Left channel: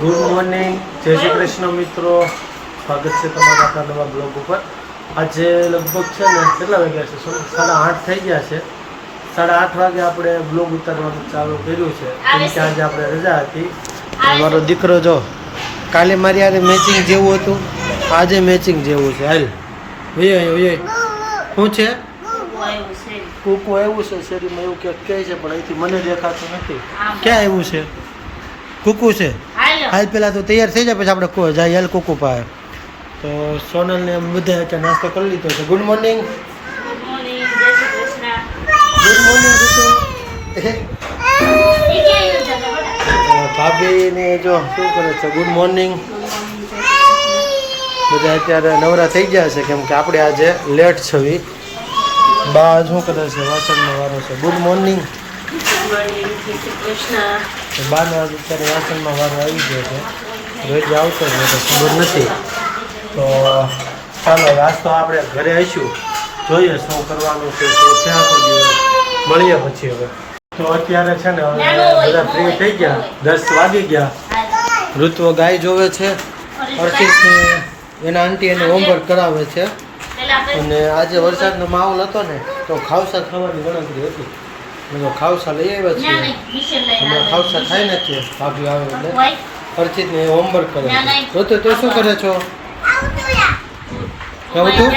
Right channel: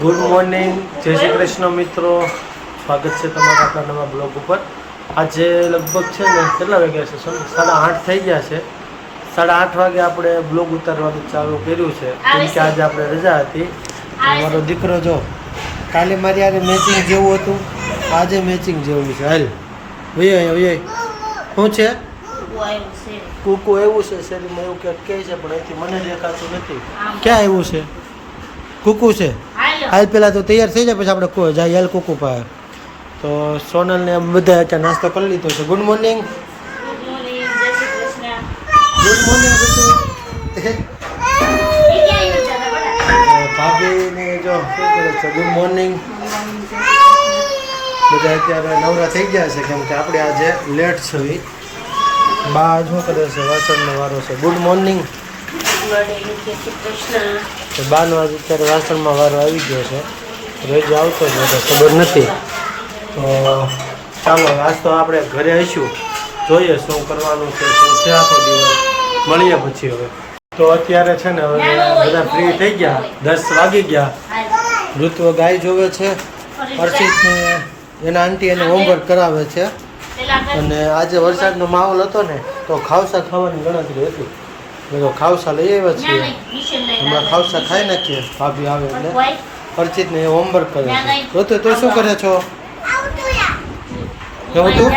Good morning જય શ્રી કૃષ્ણ મિત્રો. સ્વાગત છે તમારા આપણા નવા બ્લોગ ઉપર. આજે લગભગ છે ને કેટલા વાગ્યા છે? સાડા આઠ થઈ ગયા છે. સાડા આઠ વાગે આપણે બ્લોગ ઉતારવાનું ચાલુ કર્યું છે. કેમ કે આજે આપણે રજા હતી. મારો દીકરો જો, કાલે મારી આજે મેચિંગ જેવું હતું. આજે મેચિંગ જેવું છે. હાલ. અહીંયા વયો શું છે? કુકુ એવું છે શેરીમાં, એવું ક્યાંક કહે છે, પણ અહીંથી મને દેખાતું નથી. ક્યાં આવ્યું છે? કુકુ છે? હાલ પેલા તો તૈયાર થઈ જાય પછી આપણે કો જાય હાલ કુકુ પાસે તો સોનલ ને એમ બધા અત્યારે નાસ્તો કરી લીધો છે. ગુડ મોર્નિંગ ગુડ મોર્નિંગ ઋતુ ભાભી ને જો શું કરે છે? ગુડ મોર્નિંગ બધા અત્યારે નવરા થઈ ગયા છે કેમ કે આપણે આજે લેટ છવી બા શું કરે છે? વાસણનો વારો છે. ગુડ મોર્નિંગ તો બાનો આજે અત્યારે વાસણમાં વારો આવી ગયો છે. રોજ આવતો જ હતો, ખબર નથી. તો ચાલો, હવે આપણે ઘરે આવીશું. જોઈએ શું કરવાનું છે શું છે આખો દિવસ. મળીએ પછી હવે. તો અત્યારે છે ને હવે બધા ફ્રી થઈ ગયા, દસ વાગી ગયા. ઋતુઓ ગાય જોવે છે અર્શિતને એના આંટી એને હોમવર્ક કરાવે છે. અને આજે વરસાદનો માહોલ હતો ને, તો ખાવસા ખાવાની ગણતરી હતી. તો ખાવસા લઈ આવ્યા છીએ. હમણાં ખાવસા ખાઈ નાખીએ. ભાભી આવે એટલે અર્ચિતને હોમવર્ક કરે છે. રોતે તો શું કરે છો? એવું તું?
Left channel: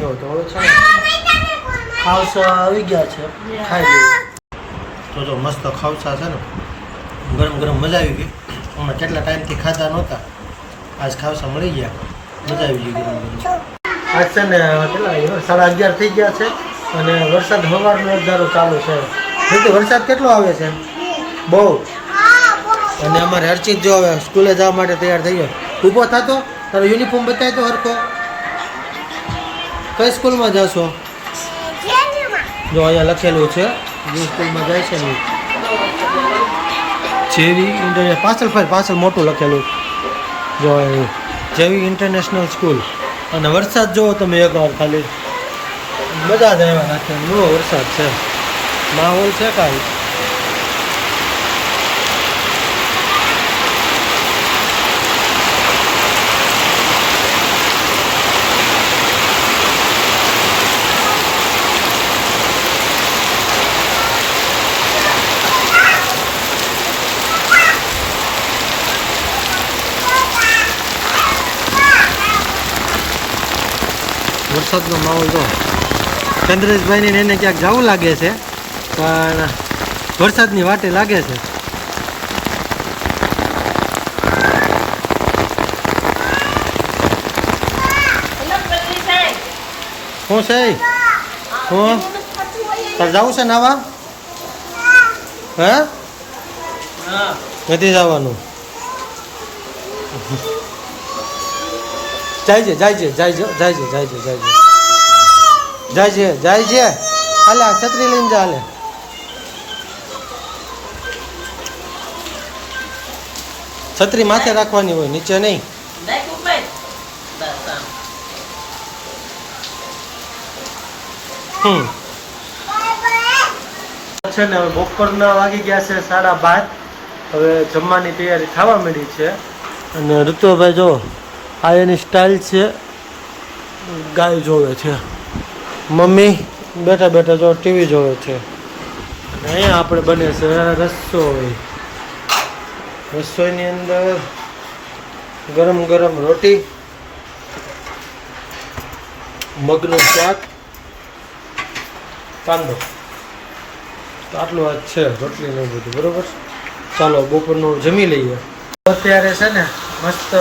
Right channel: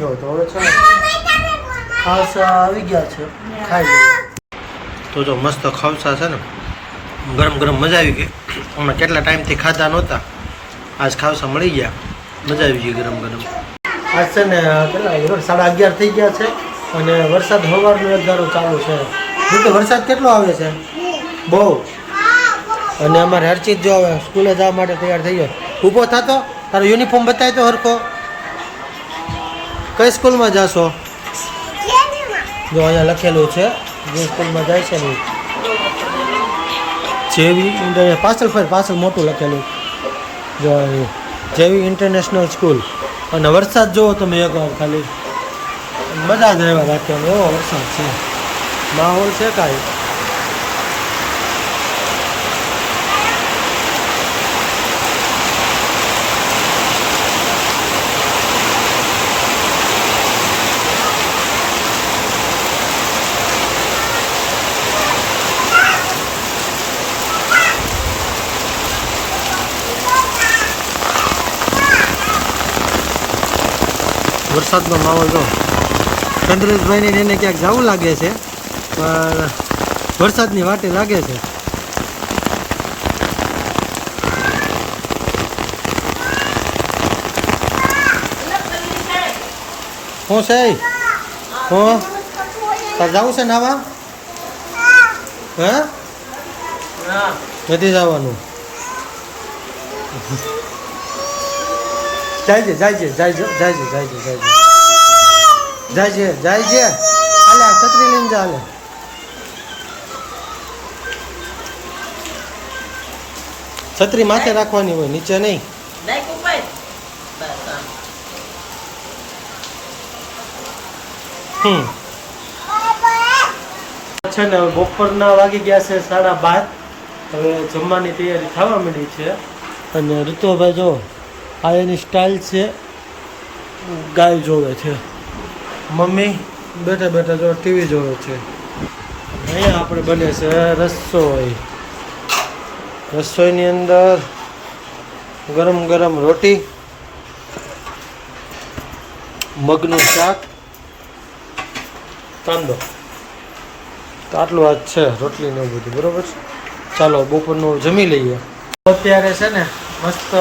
જો તો હવે છે ને ખાવસા આવી ગયા છે. ખાઈ લઈએ. તો જો મસ્ત ખાવસા છે ને. ગરમ ગરમ મજા આવી ગઈ. હમણાં કેટલા ટાઈમથી ખાધા નહોતા. આજ ખાવસા મળી ગયા. મજા આવી ગઈ ગરમ ગરમ. આજ છે ને કેટલા સાડા અગિયાર થઈ ગયા છે. અને વરસાદ સવારનો એક ધારો ચાલુ છે. રીતે વરસાદ કેટલો આવે છે? બહુ. અને અમારે હરચિત જો હવે સ્કૂલે જવા માટે તૈયાર થઈ ગયો. ઊભો થતો? તારો યુનિફોર્મ બતાય તો હરખો. કઈ સ્કૂલમાં જાશો? જો અહીંયા લખેલું છે, જે સ્કૂલમાં જાય છે ને જેવી ઇન્ટરનેશનલ પાછળ ફરી, પાછળ મોટું લખેલું. જો જેવી ઇન્ટરનેશનલ સ્કૂલ. અને વરસાદ જુઓ તમે એકવાર ખાલી. મજા જ આવ્યા રાખવાનું એવો વરસાદ છે. માહોલ છે કાંઈ. વરસાદનો માહોલ જો. ચંદ્રેશભાઈને એને ક્યાંક જવું લાગે છે પણ વરસાદની વાટે લાગે છે. હું છે હું. તાર જવું છે નાવા? હે? નથી જવાનું. જાય છે જાય છે જાય છે જાય છે જાય છે જાય છે જાય છે જાય છે. હાલે છત્રી લઈને જા હાલે. છત્રી માથે રાખવાની હોય નીચે નહીં. હમ. છે ને હવે બપોરના વાગી ગયા છે સાડા બાર. હવે જમવાની તૈયારી થવા માંડી છે. અને ઋતુભાઈ જો આ એની સ્ટાઇલ છે. ગાય જોવે છે. મમ્મી, બેઠા બેઠા જો ટીવી જોવે છે. અને અહીંયા આપણે બને છે રસોઈ. રસોઈની અંદર ગરમ ગરમ રોટી, મગનું શાક, કાંદો. તો આટલું આજ છે રોટલી ને બધું, બરોબર? ચાલો, બપોરનું જમી લઈએ. અત્યારે છે ને, મસ્ત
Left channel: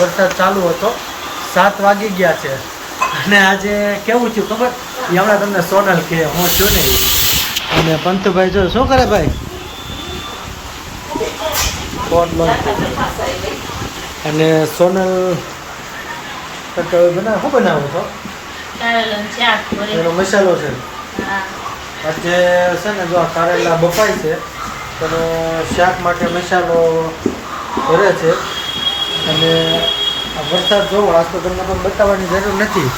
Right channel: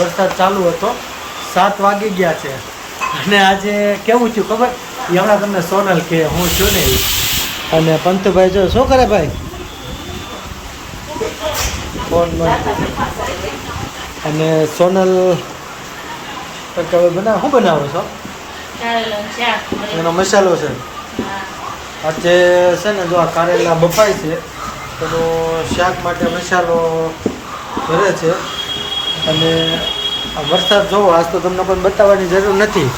વરસાદ ચાલુ હતો. સાત વાગી ગયા છે. અને આજે કેવું થયું ખબર? એ હમણાં તમને સોનલ કે હું છું ને અને પંતુભાઈ જો શું કરે ભાઈ? ફોન બંધ અને સોનલ હવે શું બનાવો છો? એનો મસાલો છે. આજે છે ને જો આ કારેલા બફાય છે તેનો શાક માટે મસાલો ભરે છે. અને વરસાદ જોવો, આજ તો તમને કોઈ બતાવવાની જરૂર નથી.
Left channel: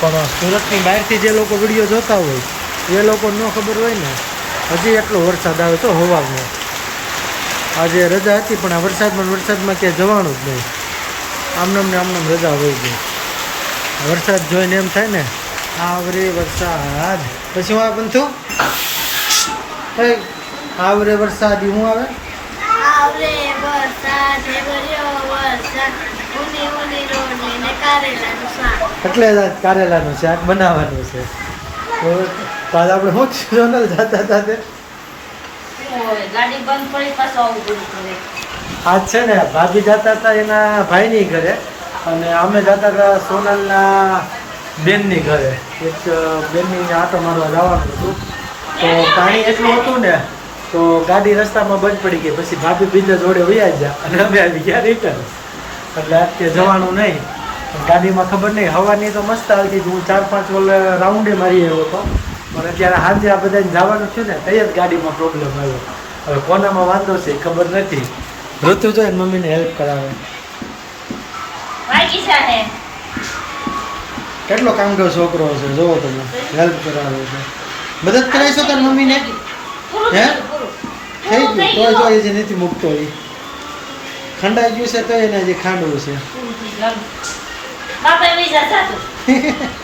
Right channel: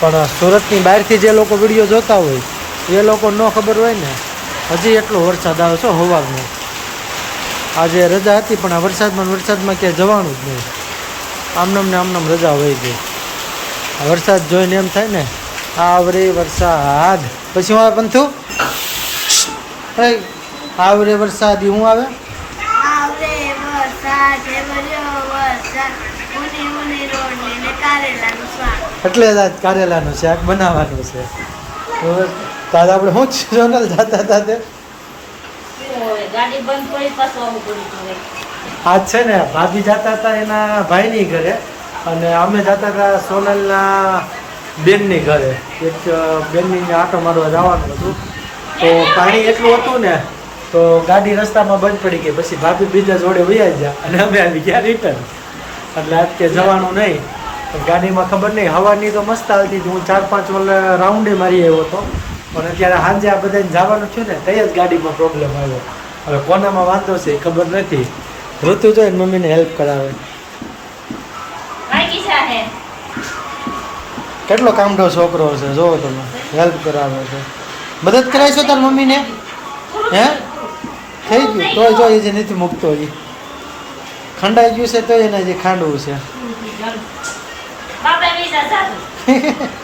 પણ સુરતની બહારથી જે લોકો વીડિયો જોતા હોય, એ લોકો ન ખબર હોય ને, હજી એટલો વરસાદ આવે છે હવાનો આજે રજા હતી, પણ આ વરસાદમાં વરસાદમાં ક્યાંય જવાનું જ નહીં. આમનામ ને આમનામ રજા વહી ગઈ. આ વરસાદ જોઈને એમ થાય ને, આવરે વરસાદ. પછી હું આવે બનતું આવરે વરસાદ હું આવે આવરે વરસાદ હે ભર્યો વરસાદ ઉની ઉની રોટલી ને કારેલાનું શાક એટલે જ આજ કારેલાનું શાક બનાવવાનું છે. તો હવે આપણે શું સોનલ જાતા હતા તે? આજ છે ને ભાભી જતા હતા એના ભાઈની ઘરે અને અમે જતા હતા સોનલના બેનની ઘરે. એક બેનની આટો મારવા જવાનું હતું. તો પાણી એટલું હતું ને તો ગાડી રસ્તામાં બંધ પડી ગઈ પછી ભાભી બીજા જોડે વૈયા ગયા અને અમે આવી ગયા રિટર્ન એટલે આજ કે જવાનું નહીં. પણ ગાડીમાં ખબર નહીં હવાની તો મસ્ત આવતી હું ચાર પાંચ વલ રાઉન્ડે મારી આવ્યો હતો. પણ અત્યારે સાંજે આ બધાને જવાનું છે ને તઈ જ ગાડીમાં પ્રોબ્લેમ આવ્યો. હવે કોનામાં વાંધો છે એ ખબર નથી. ઋતુ જોઈને મમ્મીને હેલ્પ કરાવે. કેટલો કામઢો છોકરો છે જોવો તમે. હેલ્પ કરાવે છે. મદદ કરાવીશો તાર મમ્મીને? હે? થઈ ગયું. તો જો એ જે નથી મૂકતો એ ખંડાઈ ગયું છે તો એને જે ખાંડવું છે.